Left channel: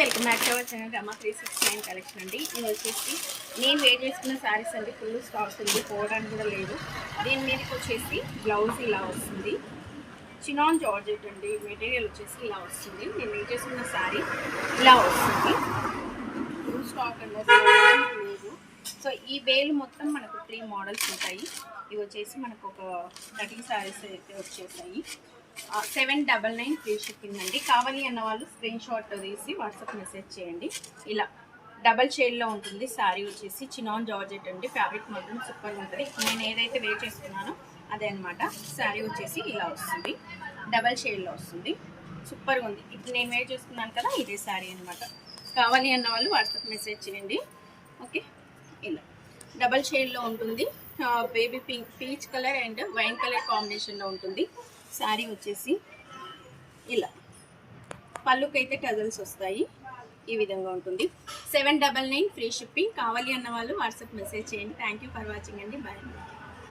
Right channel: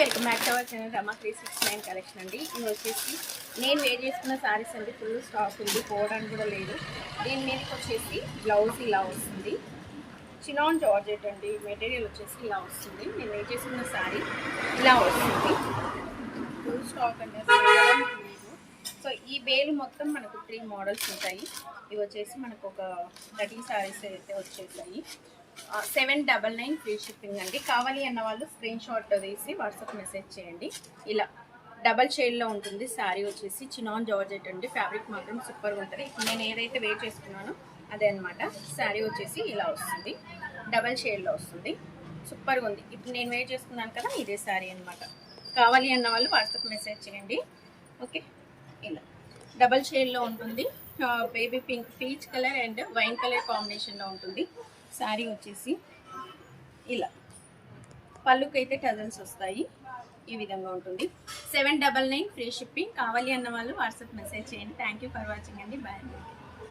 Welcome back to our channel Rama 369 collection అండి. ఇది వచ్చేసి నేను వేర్ చేసుకున్న శారీస్ అండి. ఫుల్ స్టాక్ ఉంది, పోవడానికి కూడా లేదు. దీని మీదకి వచ్చేసి బ్లౌజ్ ఇలా వస్తుంది. చినాన్ జార్జెట్ అండి. మెటీరియల్ వచ్చేసి ఇలా వస్తుంది. నేను వేర్ చేసుకున్న శారీ ఇలా వస్తుంది. ఫుల్ స్టాక్ అనేది లేదు. సో ఈ వేలు మొత్తం మనకు 3 మోడల్స్ ఉంటాయి. ఇవి వచ్చేసి మనకు ఒక 30 శారీస్ అయితే వచ్చేసాయి. 799 ఫ్రీ షిప్పింగ్ అండి. కావాలి అన్న వాళ్ళు స్క్రీన్ షాట్ తీసి వాట్సాప్ మెసేజ్ చేయండి. ఇలా డబల్ షేడ్లో ఉంటుంది శారీ వచ్చేసి. చినాన్ జార్జెట్ అండి. ఫ్యాబ్రిక్ మాత్రం సూపర్గా ఉంటుంది. నేను ఏదైతే వేర్ చేసుకున్నానో అదే అనమాట. శారీ వచ్చేసి ఇలా వస్తుంది, డబల్ షేడ్లో వస్తుంది. సూపర్గా ఉంది. ఇప్పుడు నేను వేర్ చేసుకున్నాను కదా, ఇదే శారీ అనమాట. కావాలి అన్న వాళ్ళు వాట్సాప్ మెసేజ్ చేయండి. ఓకే, ఇలా డబల్ షేడ్లో ఉంటుంది. Baby pink, peach colour and wine colour కాంబినేషన్లో ఉంటుంది. శారీ వచ్చేసి ఇలా పళ్ళుకైతే టజల్స్ వస్తాయి. ఈ విధంగా ఉంటుంది. 799 ఫ్రీ షిప్పింగ్. కావాలి అన్న వాళ్ళు వాట్సాప్ మెసేజ్ చేయండి. థ్యాంక్ యూ ఫర్ వాచింగ్ అండి. బాయ్.